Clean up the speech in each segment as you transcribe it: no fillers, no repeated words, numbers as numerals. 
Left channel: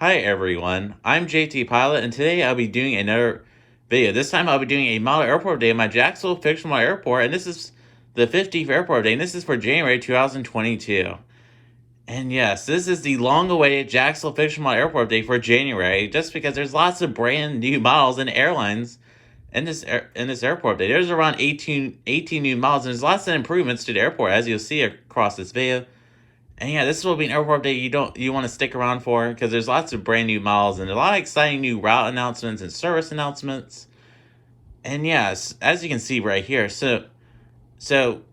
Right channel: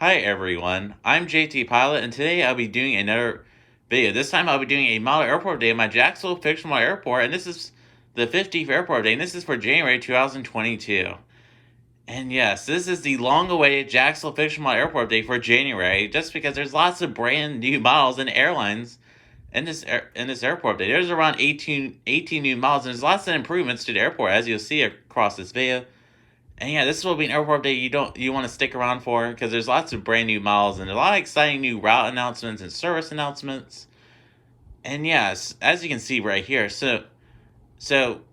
Hi everyone, I'm JT Pilot, and today I'll be doing another video. This time I'll be doing a model airport day at my Jacksonville Fictional Airport, and this is the 50th airport day, and this is for January 2022. And yes, this is the long-awaited Jacksonville Fictional Airport day for January, just because there's lots of brand new models and airlines in this airport day. There's around 18 new models, and there's lots of improvements to the airport, as you'll see across this video. And yeah, this will be an airport day you want to stick around for because there's lots of brand new models and a lot of exciting new route announcements and service announcements. And yes, as you can see right here, so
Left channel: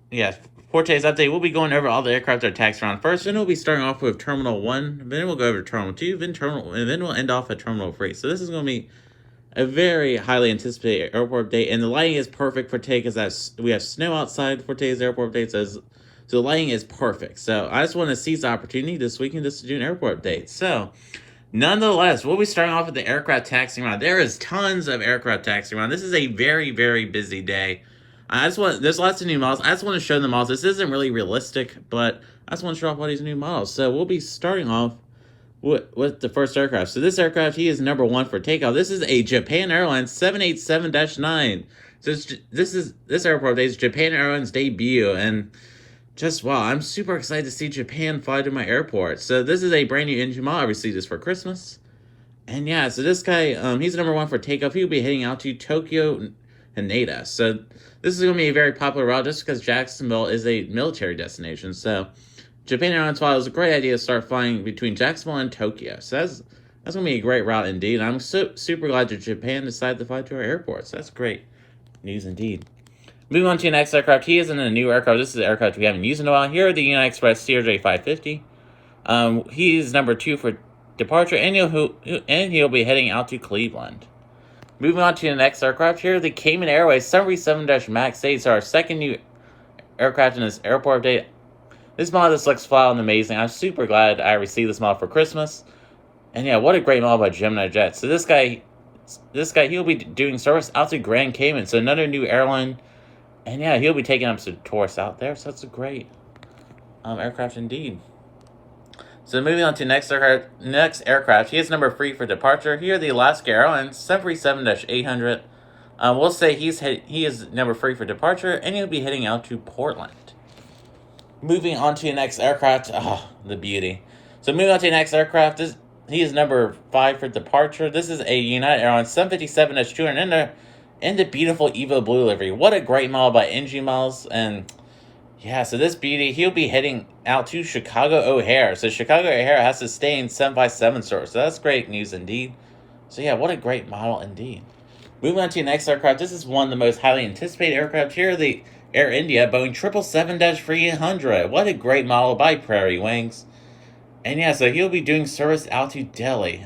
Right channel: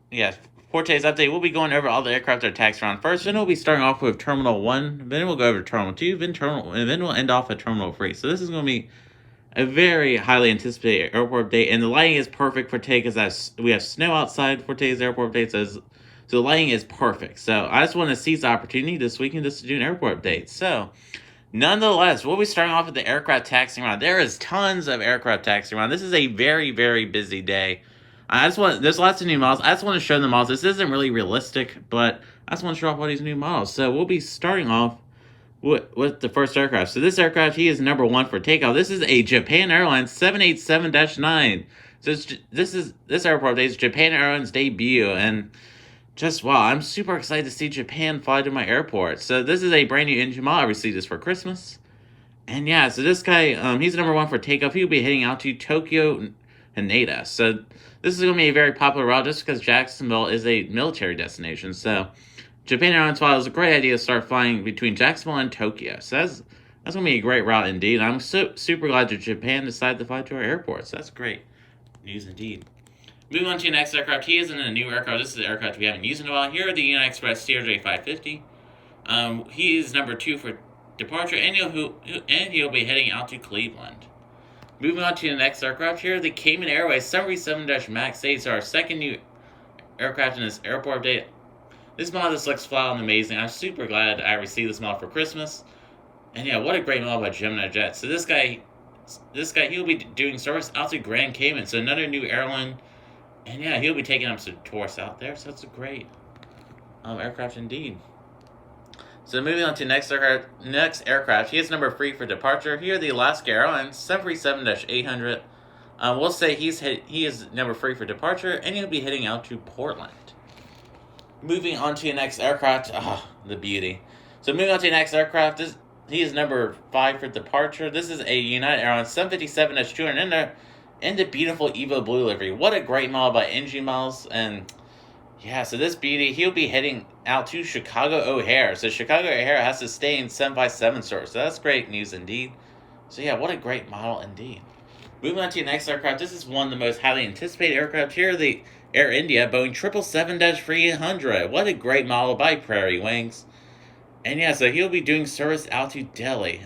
yeah, for today's update, we'll be going over all the aircraft that are taxied around first. Then we'll be starting off with Terminal 1, then we'll go over to Terminal 2, then we'll end off at Terminal 3. So this is going to be a very highly anticipated airport day, and the lighting is perfect for today because we have snow outside for today's airport day, so the lighting is perfect. So I just want to seize the opportunity this weekend just to do an airport update. So nonetheless, we'll be starting off with the aircraft taxiing around. There is tons of aircraft taxiing around. This is a very, very busy day. There's lots of new models. I just want to show the models. This isn't really realistic, but I just want to show off all these new models. So we'll be starting off with the first aircraft. So this aircraft, he is number 1 for takeoff. This is a Japan Airlines 787-9. So this airport day is Japan Airlines debut, and just wow, I'm super excited to see Japan fly to my airport. So this is a brand new engine model. I received this for Christmas. And yeah, so this guy, he's number 1 for takeoff. He'll be heading out to Tokyo Haneda. So this is going to be a very popular route just because Jacksonville is a military destination. So Japan Airlines thought it was a great idea to start flying between Jacksonville and Tokyo. So that's going to be a great route indeed. I'm super glad that Japan decided to fly to our airport. So that's great news indeed. Moving on to the next aircraft, he is in a new aircraft. This is the aircraft we haven't used in a while. Here, the United Express CRJ 550. He is number 2 for departure, and he'll be heading out to Cleveland. Moving on to the next aircraft here, the Cayman Airways 737-MAX 8 is our second new aircraft in this airport update. This model just looks flat and amazing. I'm super glad I received this model for Christmas. And yeah, what a great model by Gemini Jet. So this guy, he'll be doing service out to Grand Cayman. So another new airline. And yeah, he'll be taking up some tourists out there, so that's a great aircraft indeed. So moving on to next aircraft, he is number 3 for departure. Here, the Alaska Airlines 737-800. We'll say he is number 3 for departure, and he'll be heading out to Portland. Moving on to the next aircraft, the beauty. So moving on to the next aircraft, he is number 5 for departure. This is a United Airlines 757-200 in the beautiful Evo Blue livery. What a great model by NG Miles. And yeah, so this beauty, he'll be heading out to Chicago O'Hare. So Chicago O'Hare has to stay in 757 service. So that's great news indeed. So yeah, what a great model indeed. Moving on to the next aircraft. This is one of the most highly anticipated aircraft here, the Air India Boeing 777-300. What a great model by Prairie Wings. And yeah, so he'll be doing service out to Delhi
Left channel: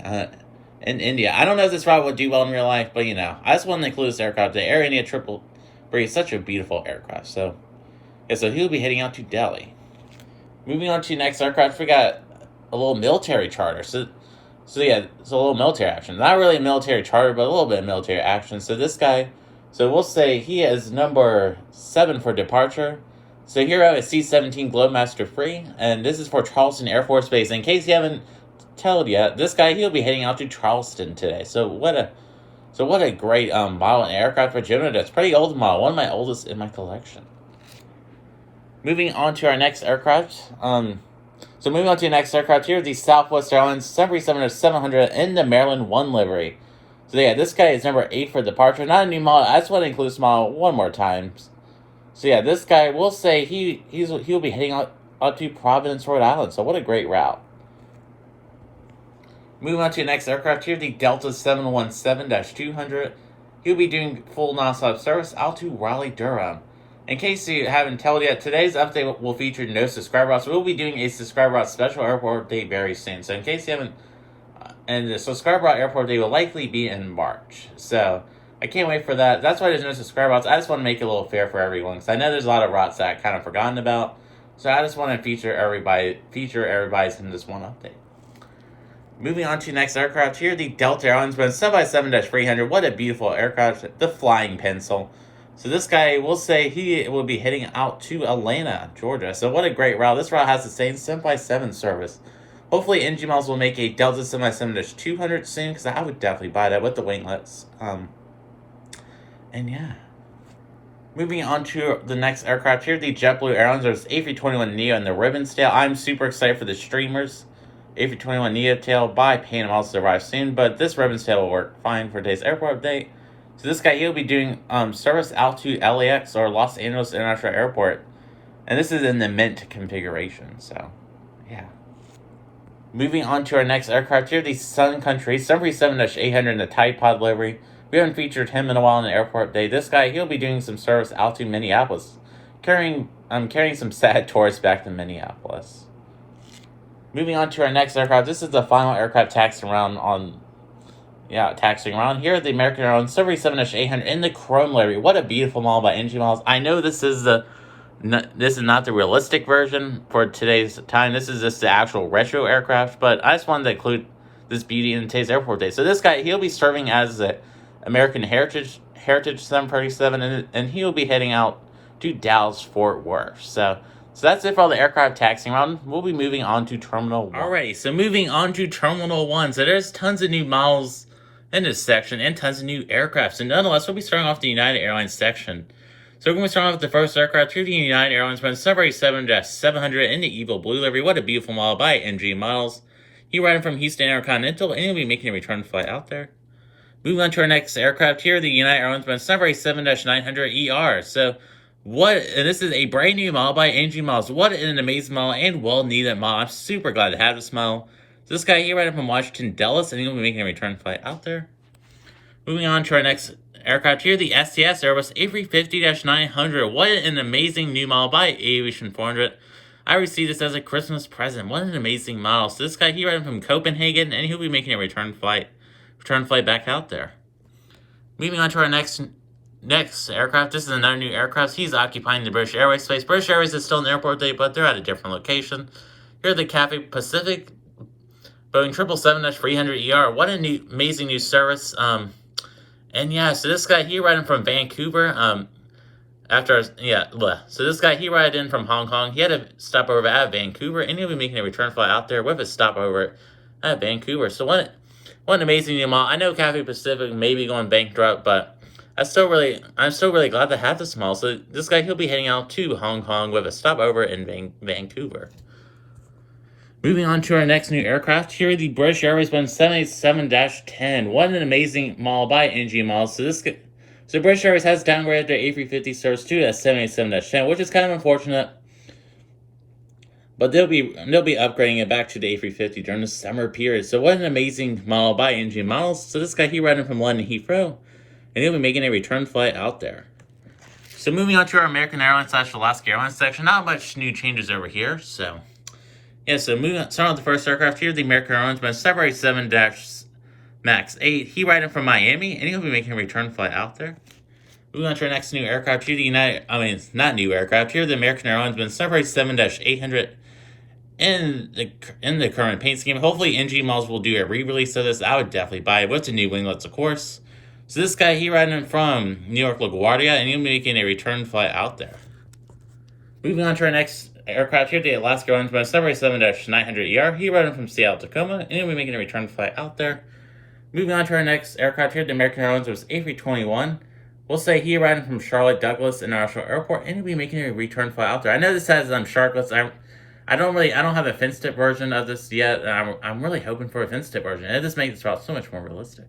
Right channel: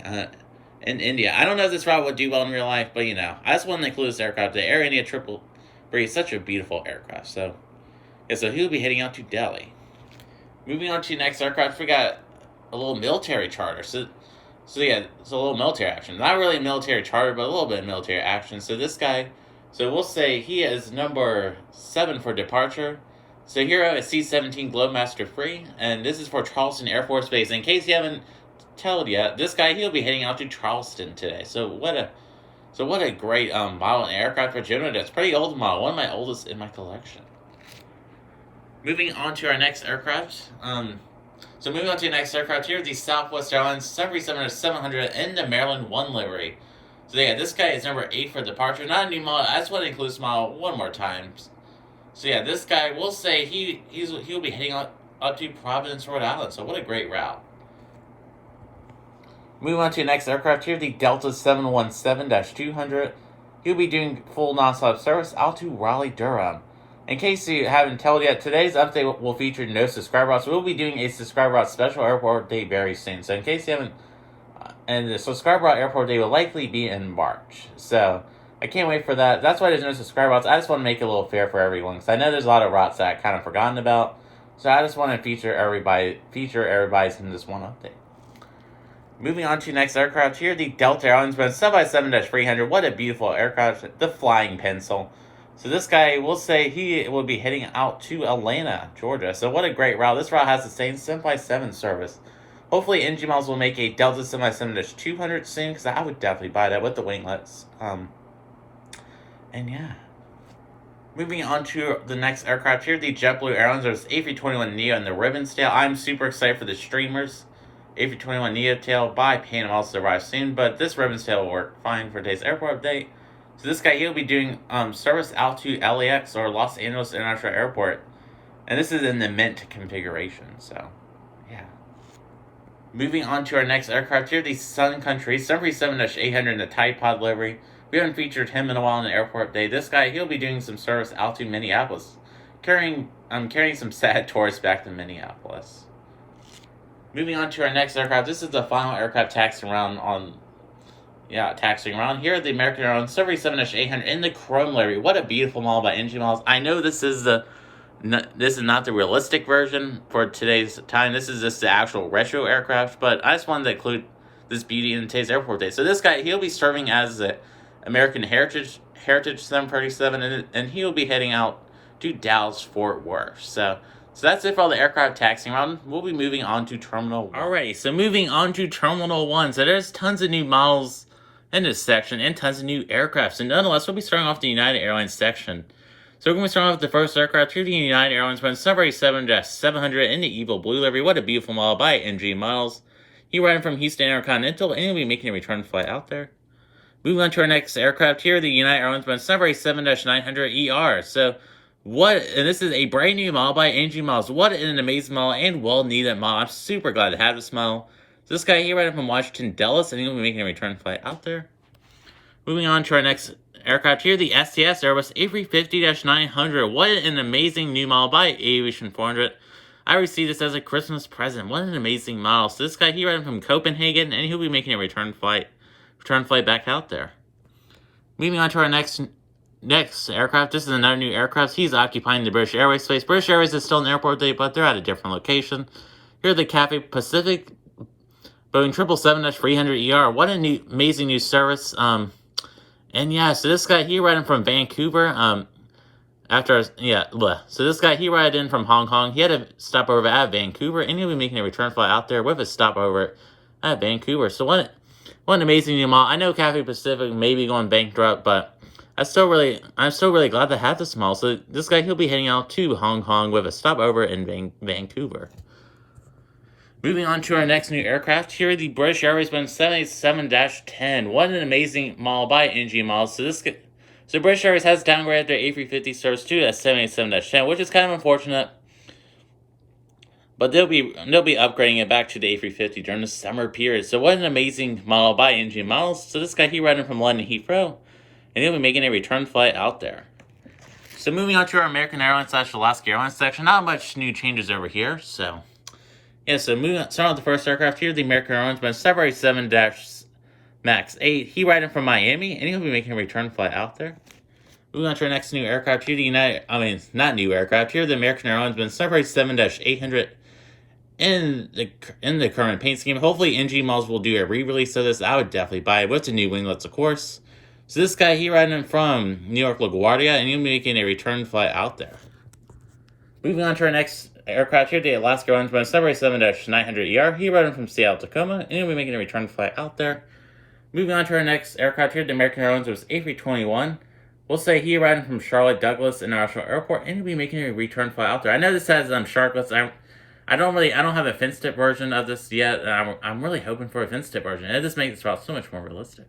in India. I don't know if this route would do well in real life, but I just wanted to include this aircraft. The Air India 333 is such a beautiful aircraft. So yeah, so he'll be heading out to Delhi. Moving on to the next aircraft, we got a little military charter. So yeah, it's a little military action. Not really a military charter, but a little bit of military action. So this guy, so we'll say he is number 7 for departure. So here I have a C-17 Globemaster free, and this is for Charleston Air Force Base. In case you haven't told yet, this guy, he'll be heading out to Charleston today. So what a great model and aircraft for Gemini. That's pretty old model, one of my oldest in my collection. Moving on to our next aircraft. So moving on to the next aircraft here, the Southwest Airlines 737-700 in the Maryland 1 livery. So yeah, this guy is number 8 for departure. Not a new model. I just want to include this model one more time. So yeah, this guy, we'll say he'll be heading up to Providence, Rhode Island. So what a great route. Moving on to the next aircraft here, the Delta 717-200. He'll be doing full nonstop service out to Raleigh, Durham. In case you haven't told yet, today's update will feature no subscriber routes. We'll be doing a subscriber route special airport day very soon. So in case you haven't, and the subscriber route airport day will likely be in March. So I can't wait for that. That's why there's no subscriber routes. I just want to make it a little fair for everyone, because I know there's a lot of routes that I kind of forgotten about. So I just want to feature everybody's in this one update. Moving on to the next aircraft here, the Delta Airlines 757-300. What a beautiful aircraft, the Flying Pencil. So this guy, we'll say he will be heading out to Atlanta, Georgia. So what a great route. This route has the same 757 service. Hopefully, NG Models will make a Delta 757-200 soon, because I would definitely buy that with the winglets. And yeah. Moving on to the next aircraft here, the JetBlue Airlines. There's A321neo and the Ribbons tail. I'm super excited for the streamers. A321neo tail by Pan also arrive soon, but this Ribbons tail will work fine for today's airport update. So this guy, he'll be doing service out to LAX or Los Angeles International Airport. And this is in the Mint configuration, so yeah. Moving on to our next aircraft here, the Sun Country 737-800 in the Tide Pod livery. We haven't featured him in a while in the airport update. This guy, he'll be doing some service out to Minneapolis, carrying some sad tourists back to Minneapolis. Moving on to our next aircraft, this is the final aircraft taxiing around. Here, the American Airlines 737-800 in the chrome livery. What a beautiful model by NG Models. I know this is not the realistic version for today's time. This is just the actual retro aircraft, but I just wanted to include this beauty in today's airport day. So this guy, he'll be serving as the American Heritage 737, and he'll be heading out to Dallas-Fort Worth. So that's it for all the aircraft taxiing around. We'll be moving on to Terminal 1. Alrighty, so moving on to Terminal 1. So there's tons of new models in this section and tons of new aircraft. So nonetheless, we'll be starting off the United Airlines section. So we're going to be starting off with the first aircraft here, the United Airlines 737-700 in the Evil Blue livery. What a beautiful model by NG Models. He riding from Houston Intercontinental, and he'll be making a return flight out there. Moving on to our next aircraft here, the United Airlines 737-900ER. So and this is a brand new model by NG Models. What an amazing model and well-needed model. I'm super glad to have this model. So this guy here riding from Washington Dulles, and he'll be making a return flight out there. Moving on to our next aircraft here, the STS Airbus A350-900. What an amazing new model by Aviation 400. I received this as a Christmas present. What an amazing model. So this guy here riding from Copenhagen, and he'll be making a return flight back out there. Moving on to our next aircraft. This is another new aircraft. He's occupying the British Airways space. British Airways is still in airport day, but they're at a different location. Here, the Cathay Pacific Boeing 777-300ER. What an amazing new service. And yeah, so this guy, he riding from Vancouver. So this guy, he rided in from Hong Kong. He had a stopover at Vancouver, and he'll be making a return flight out there with a stopover at Vancouver. So what an amazing new model. I know Cathay Pacific may be going bankrupt, but I'm still really glad to have this model. So this guy, he'll be heading out to Hong Kong with a stopover in Vancouver. Moving on to our next new aircraft here, the British Airways Boeing 787-10. What an amazing model by NG Models. So British Airways has downgraded their A350 service to a 787-10, which is kind of unfortunate. But they'll be upgrading it back to the A350 during the summer period. So what an amazing model by NG Models. So this guy, he riding from London Heathrow, and he'll be making a return flight out there. So moving on to our American Airlines / Alaska Airlines section, not much new changes over here. So yeah, so starting with the first aircraft here, the American Airlines 787-MAX 8. He riding from Miami, and he'll be making a return flight out there. Moving on to our next new aircraft here, the American Airlines 787-800 in the current paint scheme. Hopefully, NG Models will do a re-release of this. I would definitely buy it with the new winglets, of course. So this guy, he riding from New York LaGuardia, and he'll be making a return flight out there. Moving on to our next aircraft here, the Alaska Airlines 787-900ER. He riding from Seattle Tacoma, and he'll be making a return flight out there. Moving on to our next aircraft here, the American Airlines was A321. We'll say he riding from Charlotte Douglas International Airport, and he'll be making a return flight out there. I know this has sharklets. I don't have a fin tip version of this yet, and I'm really hoping for a fin tip version. It just makes this route so much more realistic.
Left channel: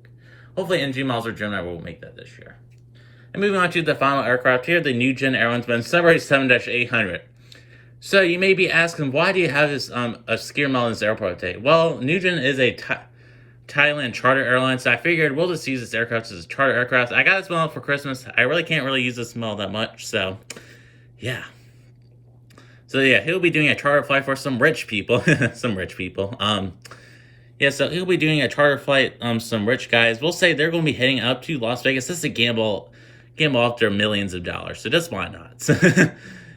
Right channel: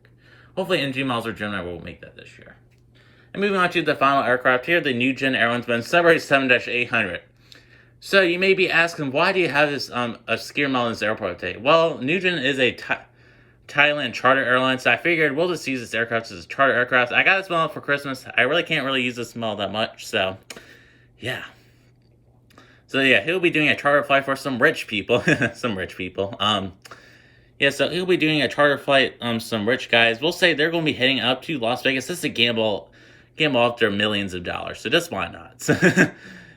Hopefully, NG Models or Gemini will make that this year. And moving on to the final aircraft here, the New Gen Airlines 787-800. So you may be asking, why do you have this obscure model in this airport today? Well, New Gen is a Thailand charter airline, so I figured we'll just use this aircraft as a charter aircraft. I got this model for Christmas. I really can't use this model that much, so yeah. So yeah, he'll be doing a charter flight for some rich people. So he'll be doing a charter flight, some rich guys. We'll say they're going to be heading up to Las Vegas. This is a gamble off their millions of dollars. So just why not?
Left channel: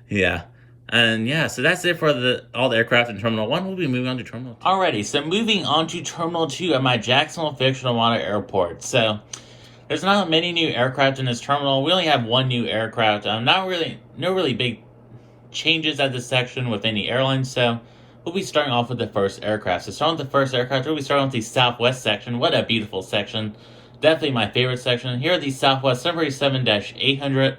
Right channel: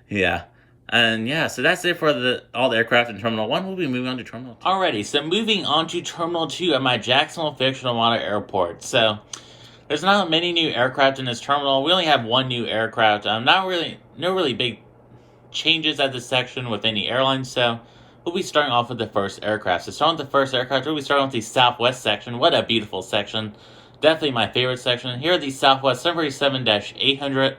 Yeah. And yeah, so that's it for all the aircraft in Terminal 1. We'll be moving on to Terminal 2. Alrighty, so moving on to Terminal 2 at my Jacksonville Fictional Airport. So there's not many new aircraft in this terminal. We only have one new aircraft. No really big changes at this section with any airlines. So we'll be starting off with the first aircraft. So starting with the first aircraft, we'll be starting with the Southwest section. What a beautiful section. Definitely my favorite section. Here are the Southwest 737-800.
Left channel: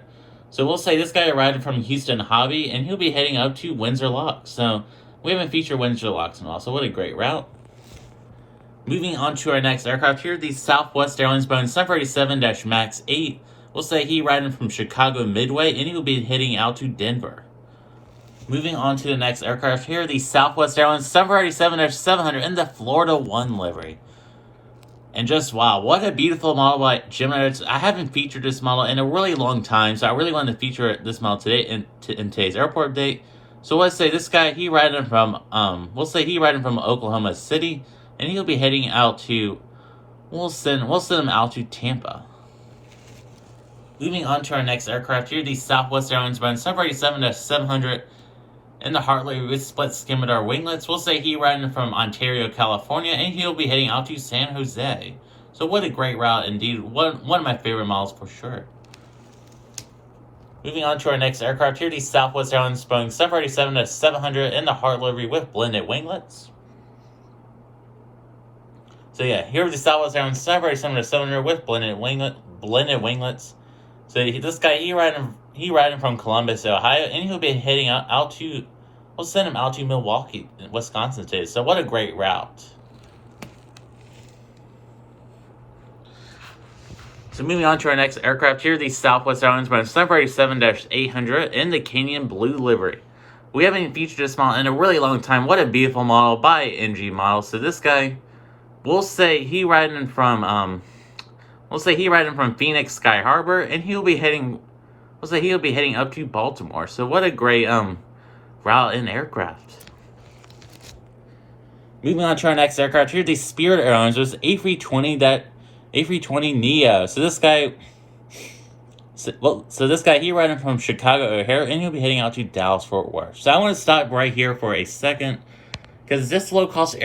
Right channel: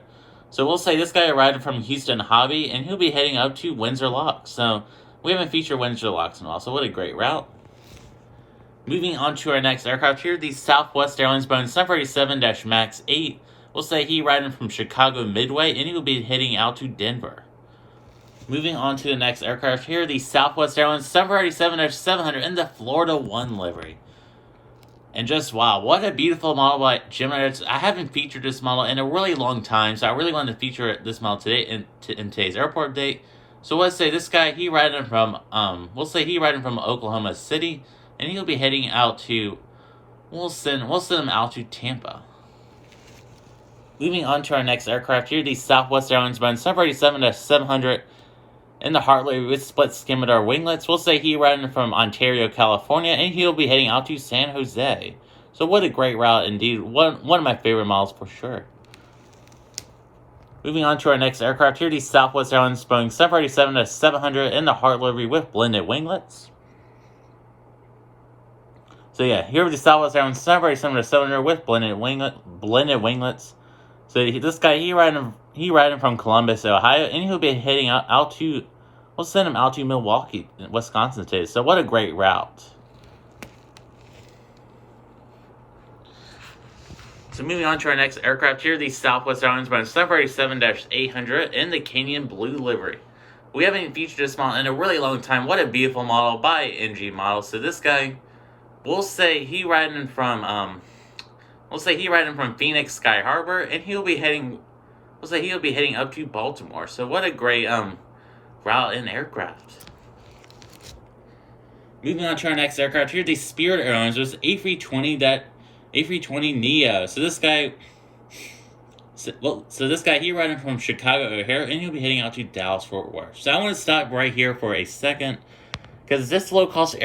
So we'll say this guy arrived from Houston Hobby, and he'll be heading up to Windsor Locks. So we haven't featured Windsor Locks in a while, so what a great route. Moving on to our next aircraft here, the Southwest Airlines Boeing 737-MAX 8. We'll say he riding from Chicago Midway, and he will be heading out to Denver. Moving on to the next aircraft here, the Southwest Airlines 737-700 in the Florida 1 livery. And just wow, what a beautiful model by Gemini. I haven't featured this model in a really long time, so I really wanted to feature this model today in today's airport update. So let's say this guy, he riding from Oklahoma City, and he'll be heading out to, we'll send him out to Tampa. Moving on to our next aircraft here, the Southwest Airlines Boeing 737-700 in the Hartley with split scimitar winglets. We'll say he riding from Ontario, California, and he'll be heading out to San Jose. So what a great route indeed. One of my favorite models for sure. Moving on to our next aircraft here, the Southwest Airlines Boeing 737-700 in the Hart livery with blended winglets. So yeah, here are the Southwest Airlines 737-700 with blended winglets. So this guy, he riding from Columbus, Ohio, and he'll be heading out to, we'll send him out to Milwaukee, Wisconsin today. So what a great route. So moving on to our next aircraft here, the Southwest Airlines Boeing 737-800 in the Canyon Blue livery. We haven't featured this model in a really long time. What a beautiful model by NG Model. So this guy, we'll say he riding from Phoenix Sky Harbor, and he'll be heading up to Baltimore. So what a great route and aircraft. Moving on to our next aircraft here, the Spirit Airlines was A320 Neo. So this guy, he riding from Chicago O'Hare, and he'll be heading out to Dallas Fort Worth. So I want to stop right here for a second, because this low cost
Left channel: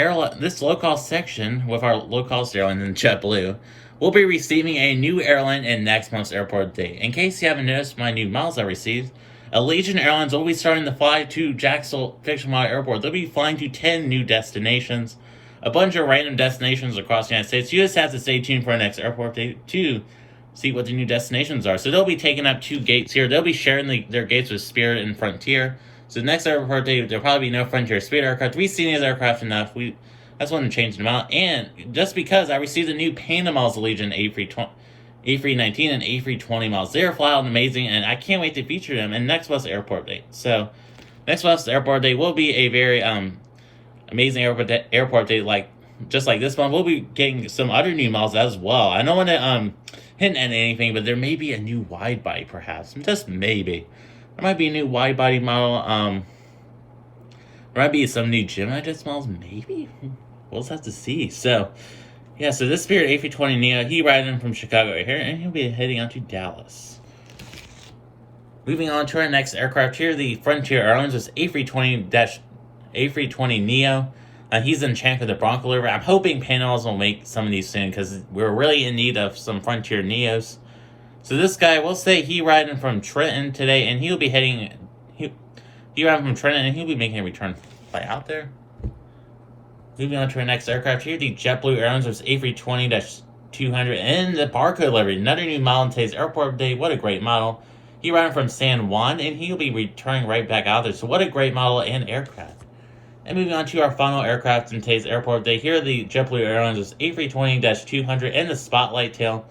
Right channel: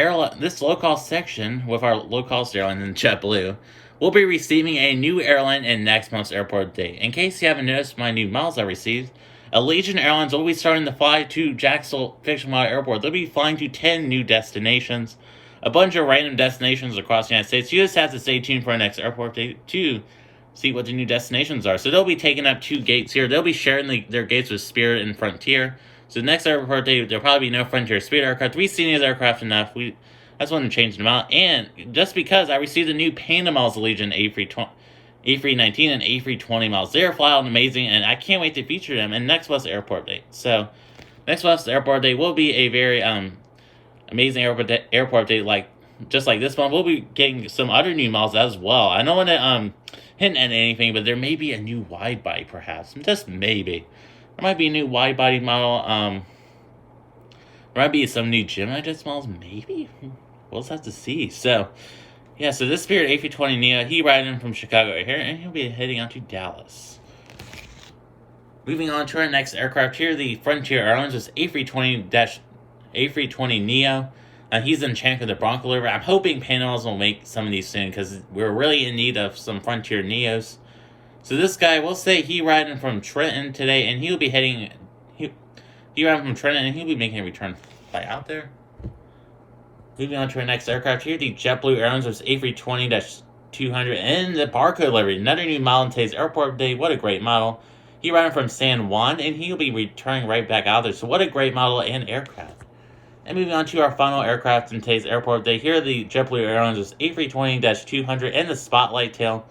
section with our low cost airline in JetBlue, we'll be receiving a new airline in next month's airport date. In case you haven't noticed my new miles I received, Allegiant Airlines will be starting to fly to Jacksonville Fictional Airport. They'll be flying to 10 new destinations, a bunch of random destinations across the United States. You just have to stay tuned for our next airport date to see what the new destinations are. So they'll be taking up 2 gates here. They'll be sharing their gates with Spirit and Frontier. So the next airport date, there'll probably be no Frontier Spirit aircraft. We've seen these aircraft enough. That's when I'm changing them out. And just because I received the new Panama's Allegiant A319 and A320 models. They're flat out amazing, and I can't wait to feature them in next month's airport date. So next month's airport date will be a very amazing airport date, just like this one. We'll be getting some other new models as well. I don't want to hint at anything, but there may be a new wide body, perhaps. Just maybe. There might be a new wide body model. There might be some new Gemini jet models, maybe. We'll just have to see. So, yeah, so this Spirit A320 Neo, he riding from Chicago right here, and he'll be heading out to Dallas. Moving on to our next aircraft here, the Frontier Airlines is A320 Neo. He's in Champ of the Bronco livery. I'm hoping Panama's will make some of these soon, because we're really in need of some Frontier Neos. So this guy, we'll say he riding from Trenton today, and he'll be heading, he riding from Trenton, and he'll be making a return flight out there. Moving on to our next aircraft here, the JetBlue Airlines was A320-200 in the Barcode livery. Another new model in today's airport update. What a great model. He riding from San Juan, and he'll be returning right back out there. So what a great model and aircraft. And moving on to our final aircraft in today's airport update. Here, the JetBlue Airlines was A320-200 in the Spotlight Tail.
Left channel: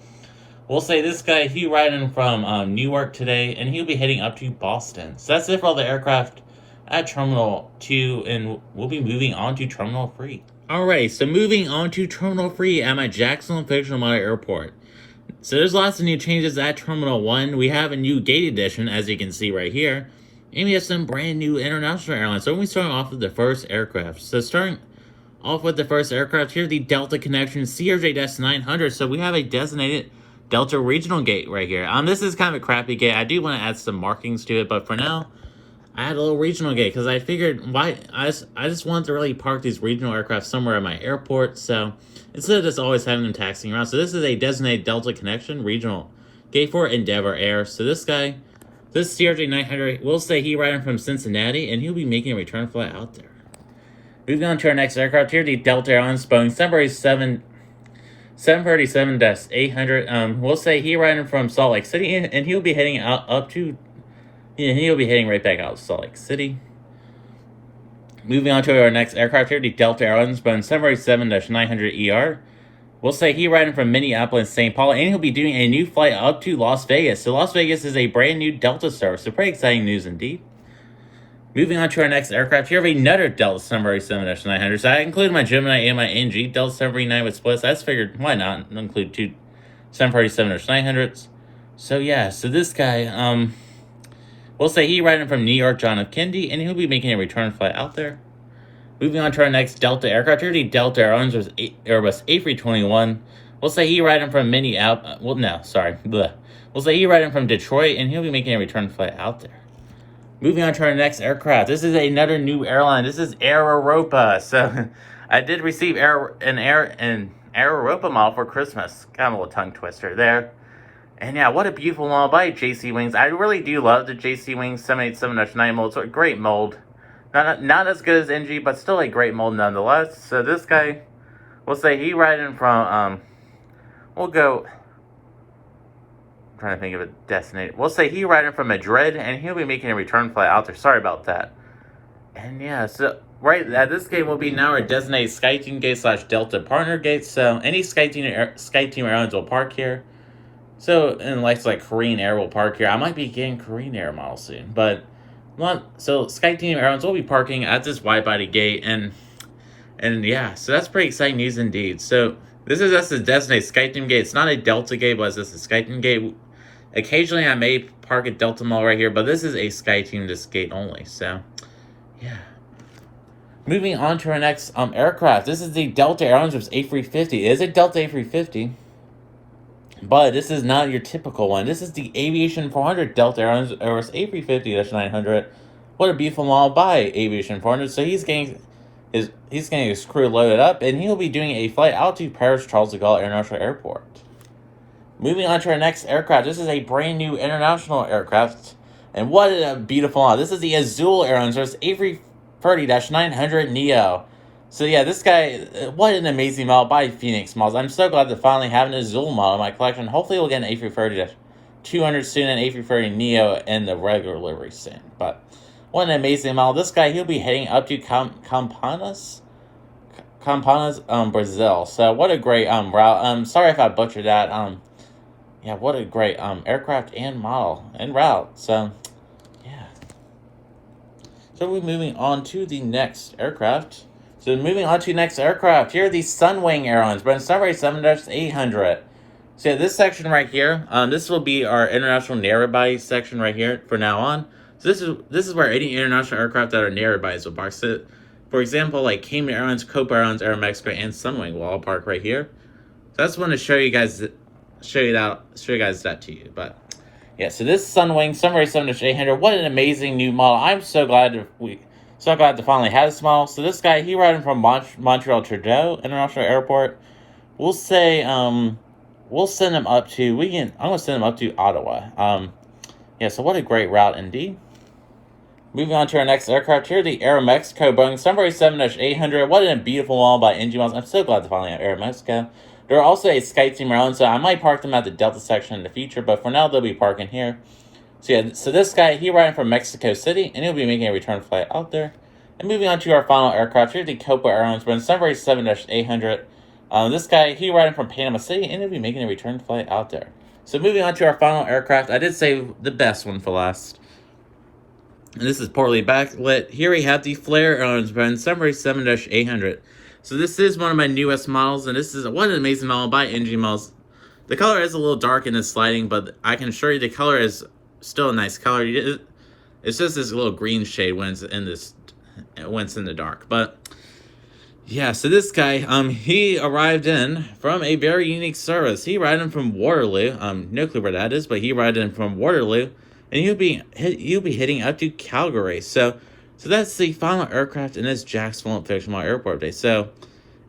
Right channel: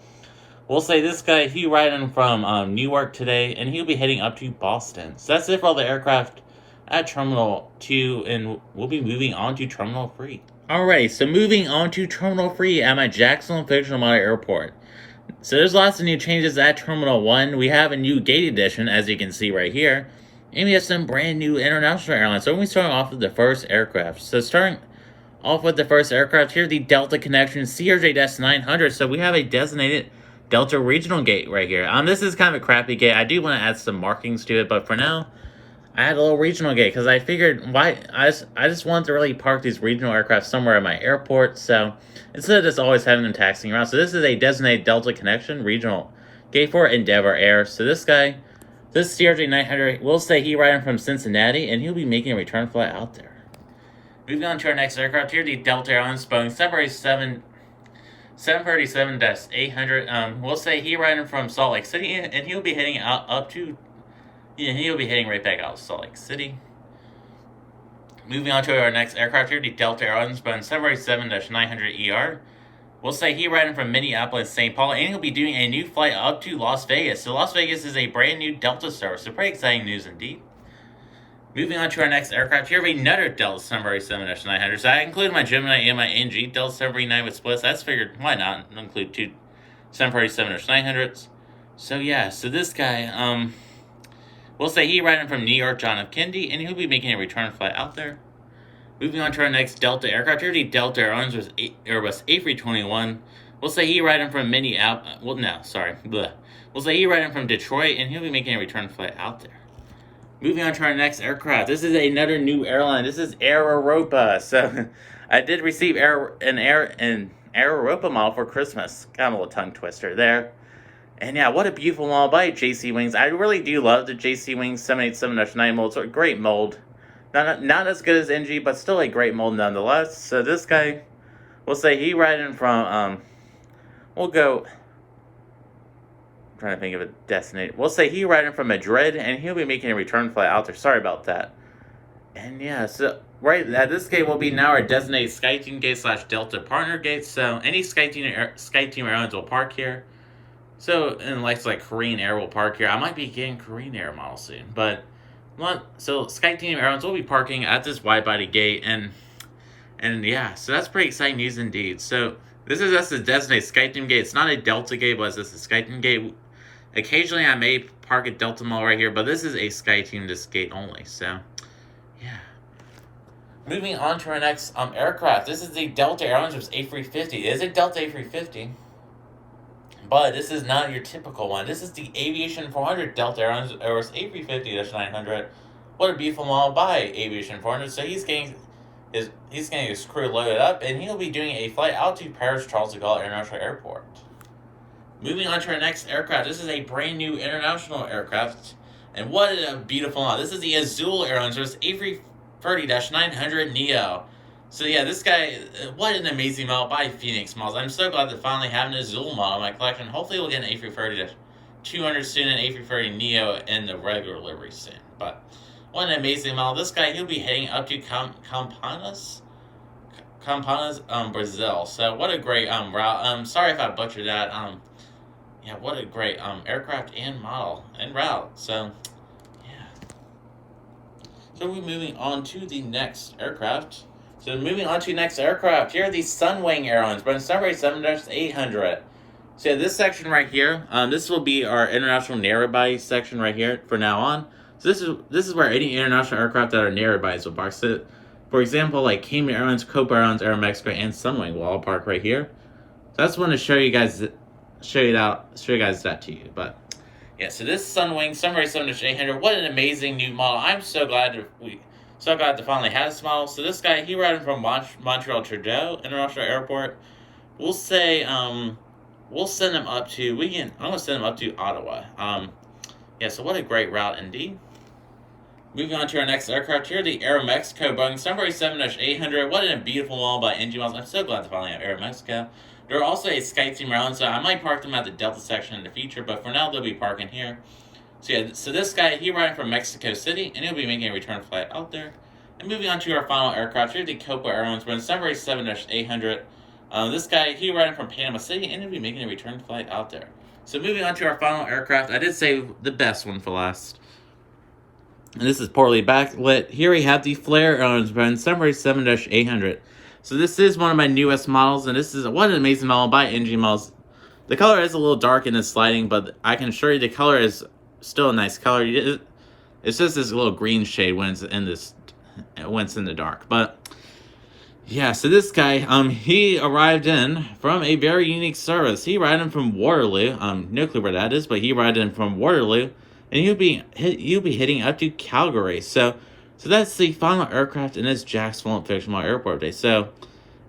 We'll say this guy, he riding from Newark today, and he'll be heading up to Boston. So that's it for all the aircraft at Terminal 2, and we'll be moving on to Terminal 3. Alright, so moving on to Terminal 3 at my Jacksonville Fictional Model Airport. So there's lots of new changes at Terminal 1. We have a new gate addition, as you can see right here. And we have some brand new international airlines. So we're starting off with the first aircraft. So starting off with the first aircraft here, the Delta Connection CRJ-900. So we have a designated Delta regional gate right here. This is kind of a crappy gate. I do want to add some markings to it, but for now, I had a little regional gate because I figured I just wanted to really park these regional aircraft somewhere at my airport. So instead of just always having them taxiing around, so this is a designated Delta Connection regional gate for Endeavor Air. So this guy, this CRJ-900, we'll say he riding from Cincinnati, and he'll be making a return flight out there. Moving on to our next aircraft here, the Delta Airlines Boeing 737-800. We'll say he riding from Salt Lake City, and he'll be heading out up to, he'll be heading right back out to Salt Lake City. Moving on to our next aircraft here, the Delta Airlines Boeing 737-900ER. We'll say he riding from Minneapolis, St. Paul, and he'll be doing a new flight up to Las Vegas. So Las Vegas is a brand new Delta service, so pretty exciting news indeed. Moving on to our next aircraft here, we have another Delta 737-900. So I included my Gemini and my NG Delta 739 with splits. That's figured, why not include two 737-900s. So yeah, so this guy, we'll say he riding from New York, John F. Kennedy, and he'll be making a return flight out there. Moving on to our next Delta aircraft here, the Delta Airlines was Airbus A321. We'll say he riding from Minneapolis. Well, no, sorry. Bleh. We'll say he riding from Detroit, and he'll be making a return flight out there. Moving on to our next aircraft. This is another new airline. This is Air Europa. So I did receive an Air Europa model for Christmas. Got a little tongue twister there. And yeah, what a beautiful model by JC Wings. I really do love the JC Wings 787-9 mold. It's a great mold. Not as good as NG, but still a great mold nonetheless. So this guy, we'll say he riding from, we'll go, I'm trying to think of a destination. We'll say he riding from Madrid, and he'll be making a return flight out there. Sorry about that. And yeah, so right at this gate will be now our designated SkyTeam gate / Delta partner gate. So any SkyTeam airlines will park here. So, and like Korean Air will park here. I might be getting Korean Air model soon, but so SkyTeam Airlines will be parking at this wide-body gate, and yeah, so that's pretty exciting news indeed. So this is just a designated SkyTeam gate. It's not a Delta gate, but it's just a SkyTeam gate. Occasionally, I may park a Delta model right here, but this is a SkyTeam this gate only. So yeah. Moving on to our next aircraft. This is the Delta Airlines A350. It is a Delta A350. But this is not your typical one. This is the Aviation 400 Delta Airlines A350-900. What a beautiful model by Aviation 400. So he's getting his crew loaded up, and he'll be doing a flight out to Paris Charles de Gaulle International Airport. Moving on to our next aircraft. This is a brand new international aircraft, and what a beautiful model. This is the Azul Airlines A330-900 Neo. So yeah, this guy, what an amazing model by Phoenix Models. I'm so glad to finally have an Azul model in my collection. Hopefully we'll get an A330-200 soon and A330 Neo in the regular livery soon. But what an amazing model. This guy, he'll be heading up to Campinas, Brazil. So what a great route. Sorry if I butchered that. Yeah, what a great aircraft and model and route. So yeah. So we're moving on to the next aircraft. So moving on to the next aircraft, here are the Sunwing Airlines, Boeing 737-800. So this section right here, this will be our international narrow body section right here for now on. So this is where any international aircraft that are narrow bodies will park. So for example, like Cayman Airlines, Copa Airlines, Aeromexico, and Sunwing will all park right here. So I just want to show you guys that to you. But yeah, so this Sunwing 737-800, what an amazing new model. I'm so glad to finally have this model. So this guy, he riding from Montreal Trudeau International Airport. We'll say we'll send him up to I'm gonna send him up to Ottawa. Yeah, so what a great route indeed. Moving on to our next aircraft here, the Aeromexico Boeing 737-800. What a beautiful model by NG Models. I'm so glad to finally have Aeromexico. They're also a SkyTeam airline, so I might park them at the Delta section in the future, but for now they'll be parking here. So yeah, so this guy, he riding from Mexico City, and he'll be making a return flight out there. And moving on to our final aircraft here, the Copa Airlines Boeing 737-800. This guy, he riding from Panama City, and he'll be making a return flight out there. So moving on to our final aircraft, I did save the best one for last. And this is poorly backlit. Here we have the Flair Airlines Boeing 737-800. So this is one of my newest models, and this is one amazing model by NG Models. The color is a little dark in this lighting, but I can assure you the color is still a nice color. It's just this little green shade when it's in the dark. But yeah, so this guy, he arrived in from a very unique service. He arrived in from Waterloo. No clue where that is, but he arrived in from Waterloo, and he'll be hitting up to Calgary. So that's the final aircraft in this Jacksonville Fictional Airport Day. So,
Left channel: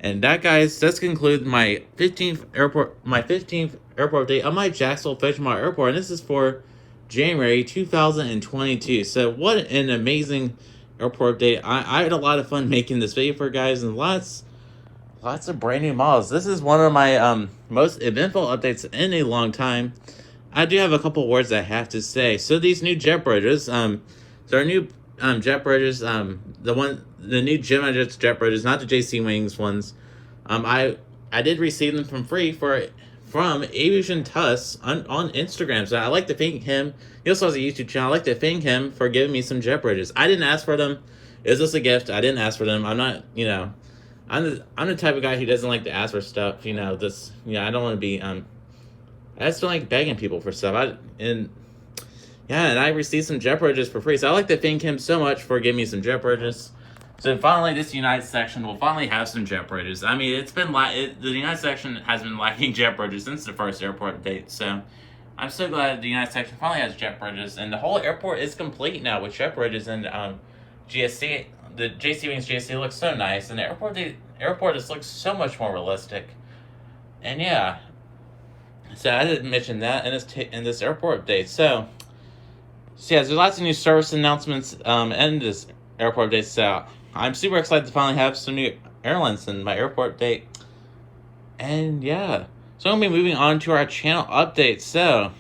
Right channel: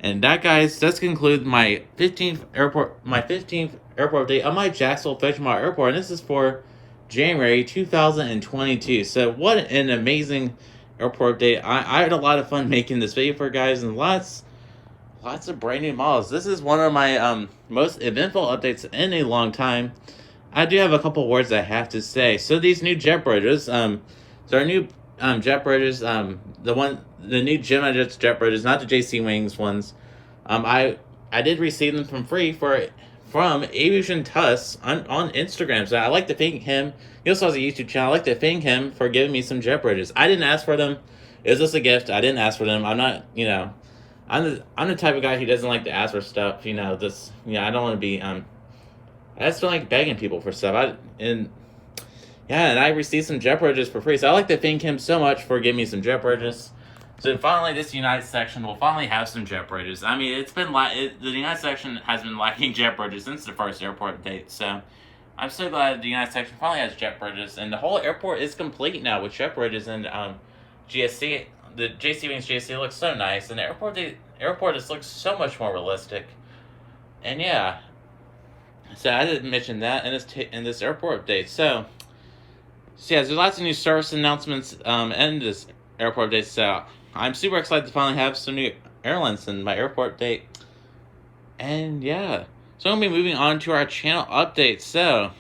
and that, guys, does conclude my 15th airport day of my Jacksonville Fictional Airport, and this is for January 2022. So what an amazing airport update. I had a lot of fun making this video for you guys, and lots of brand new models. This is one of my most eventful updates in a long time. I do have a couple words I have to say. So these new jet bridges, there are new jet bridges, the new Gemini jet bridges, not the JC Wings ones. I did receive them from free from Aviation Tuss on Instagram. So I like to thank him. He also has a YouTube channel. I like to thank him for giving me some jet bridges. I didn't ask for them. It was just a gift. I didn't ask for them. I'm not, I'm the type of guy who doesn't like to ask for stuff. I don't want to be I just don't like begging people for stuff. And I received some jet bridges for free. So I like to thank him so much for giving me some jet bridges. So finally, this United section will finally have some jet bridges. I mean, the United section has been lacking jet bridges since the first airport update. So I'm so glad the United section finally has jet bridges, and the whole airport is complete now with jet bridges and GSC. The JC Wings GSC looks so nice, and the airport just looks so much more realistic. And yeah, so I didn't mention that in this airport update. So yeah, there's lots of new service announcements in this airport update. So I'm super excited to finally have some new airlines in my airport update. And yeah, so I'm going to be moving on to our channel update. So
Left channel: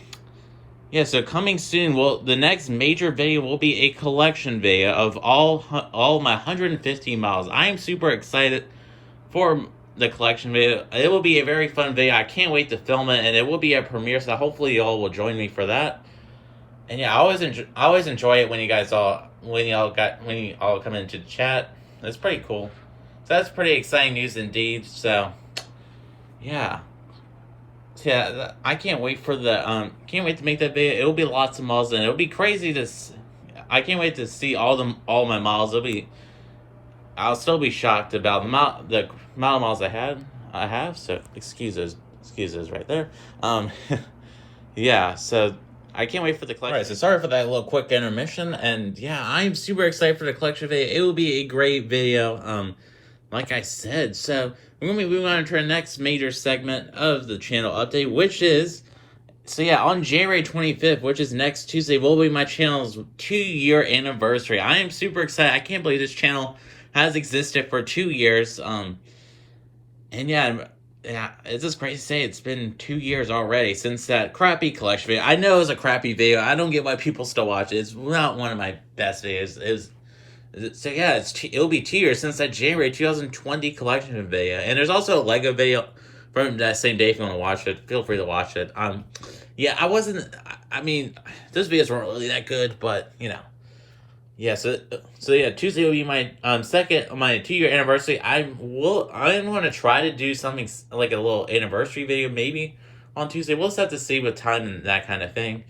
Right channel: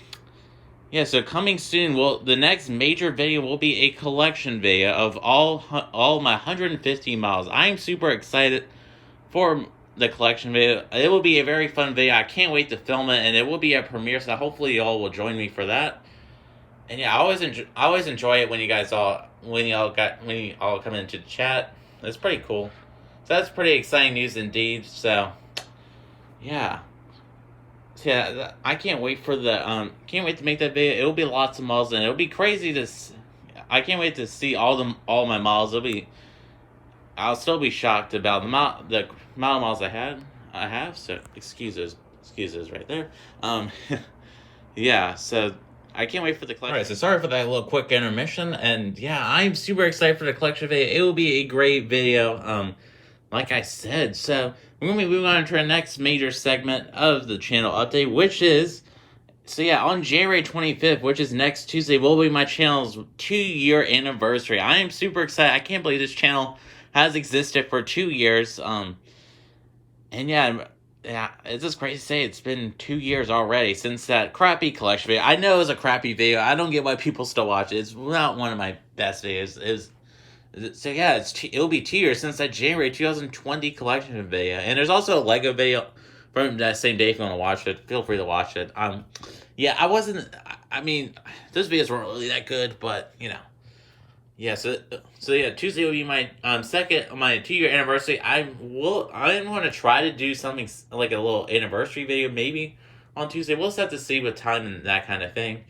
yeah, so coming soon, the next major video will be a collection video of all my 150 miles. I am super excited for the collection video. It will be a very fun video. I can't wait to film it, and it will be a premiere, so hopefully y'all will join me for that. And yeah, I always enjoy it when you all come into the chat. It's pretty cool. So that's pretty exciting news indeed. So yeah. So yeah, I can't wait for can't wait to make that video. It'll be lots of miles, and it'll be crazy I can't wait to see all my miles. I'll still be shocked about the amount of miles I have. So excuses right there. Yeah. So I can't wait for the collection. Alright, so sorry for that little quick intermission, and yeah, I'm super excited for the collection video. It will be a great video, like I said. So we're going to be moving on to our next major segment of the channel update, which is, so yeah, on January 25th, which is next Tuesday, will be my channel's 2-year anniversary. I am super excited. I can't believe this channel has existed for 2 years, and yeah, it's just crazy to say it's been 2 years already since that crappy collection video. I know it was a crappy video. I don't get why people still watch it. It's not one of my best videos. So yeah, it'll be 2 years since that January 2020 collection video. And there's also a Lego video from that same day. If you want to watch it, feel free to watch it. Yeah, I mean, those videos weren't really that good, but yeah. So yeah, Tuesday will be my my 2-year anniversary. I'm going to try to do something like a little anniversary video maybe on Tuesday. We'll just have to see with time and that kind of thing.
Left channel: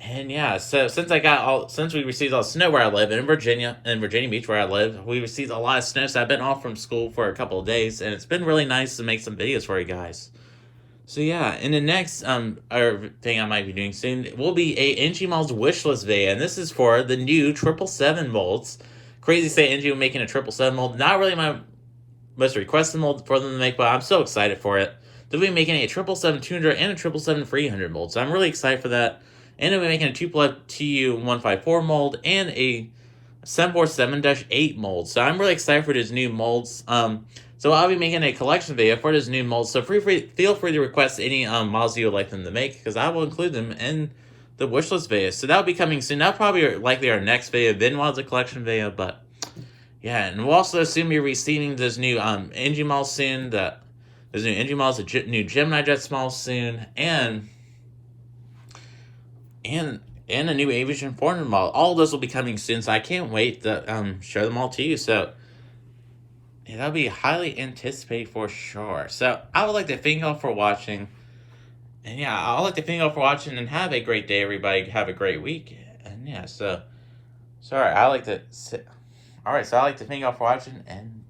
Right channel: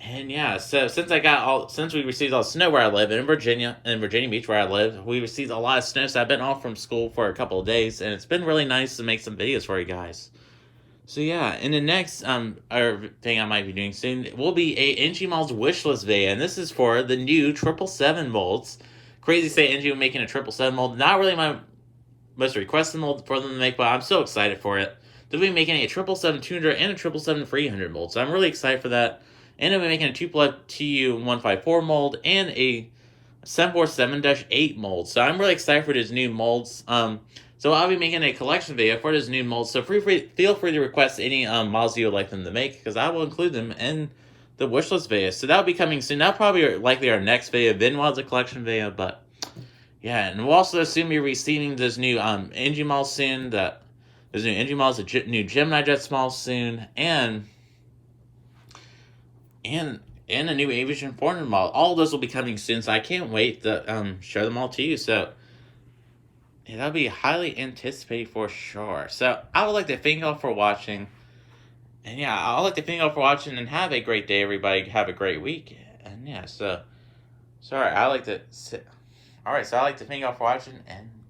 And yeah, so since we received all the snow where I live in Virginia Beach where I live, we received a lot of snow. So I've been off from school for a couple of days, and it's been really nice to make some videos for you guys. So yeah, in the next thing I might be doing soon will be a NG Malls wishlist video, and this is for the new 777 molds. Crazy to say NG will making a 777 mold. Not really my most requested mold for them to make, but I'm so excited for it. They'll be making a 777-200 and a 777-300 mold, so I'm really excited for that. And they'll be making a 2+ TU-154 mold and a 747-8 mold. So I'm really excited for these new molds. So I'll be making a collection video for this new mold. So feel free to request any models you would like them to make, because I will include them in the wishlist video. So that'll be coming soon. That'll probably likely our next video. Then was a collection video, but yeah. And we'll also soon be receiving this new NG Malls soon. There's new NG Malls, a new Gemini Jet Malls soon, and a new Aviation Foreigner model. All of those will be coming soon, so I can't wait to share them all to you. So yeah, that'll be highly anticipated for sure. So I would like to thank you all for watching. And yeah, I would like to thank you all for watching, and have a great day, everybody. Have a great week. And yeah, so I'd like to thank you all for watching, and